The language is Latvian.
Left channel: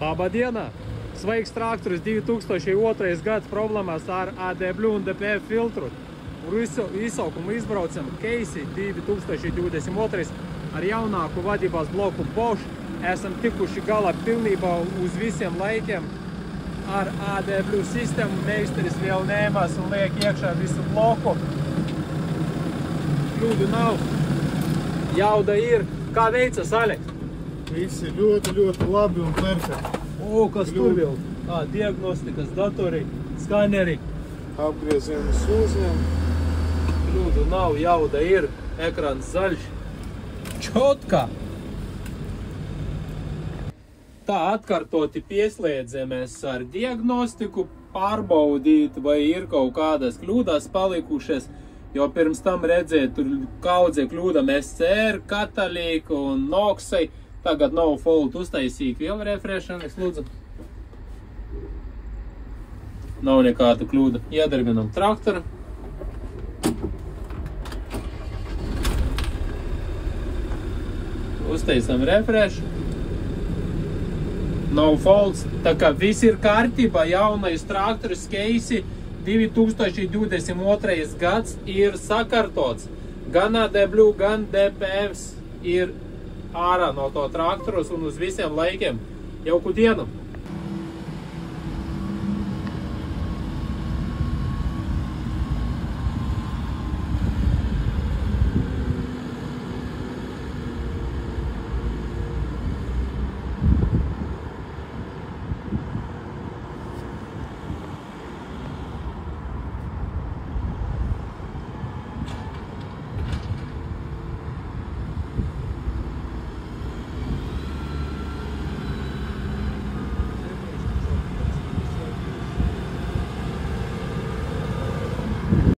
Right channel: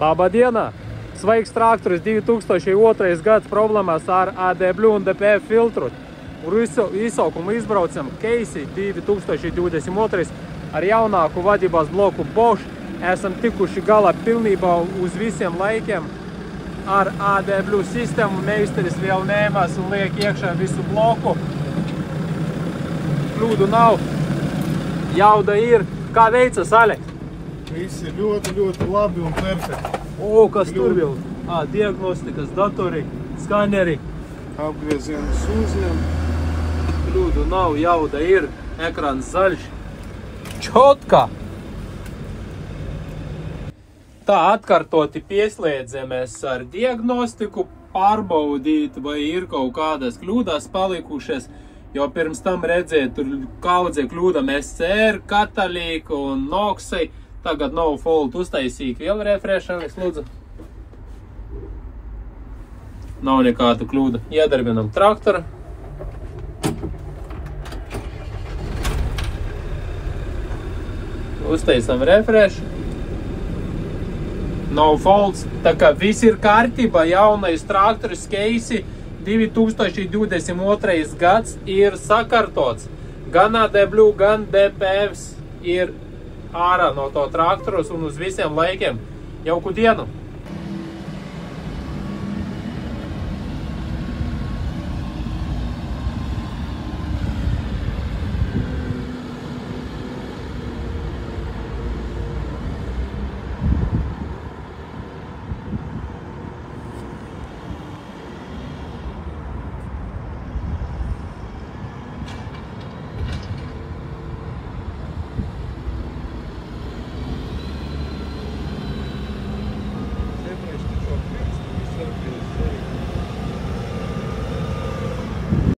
Labadiena! Sveiks traktoris 2002. gads problēmās ar ADW un DPF filtru. Izsaukumu izbraucam Keisi 2022 ar jaunāku vadībās bloku Bosch. Esam tikuši galā pilnībā uz visiem laikiem ar ADW sistēmu. Meisteris vēl ņēmās un liek iekšā visu bloku. Kļūdu nav. Jauda ir. Kā veicas, Aleks? Viss ir ļoti labi un perfekti. O, kas tur vēl? Diagnostikas datori, skaneri. Apgriezienu sūziem. Kļūdu nav, jauda ir. Ekrāns zaļš. Čotka! Tā atkārtoti pieslēdzamies ar diagnostiku, pārbaudīt, vai ir kaut kādas kļūdas palikušas, jo pirms tam redzēt, tur kaudze kļūdam SCR, katalīku un noksai. Tagad no fault uztaisīja vēl refrešamies, lūdzu. Nav nekāda kļūda. Iedarbinam traktoru. Uztaisam refresh. No faults. Tā kā viss ir kārtībā, jaunais traktoris Keisi 2022. gads ir sakārtots. Gan ADW, gan DPF ir ārā no to traktorus un uz visiem laikiem. Jauku dienu!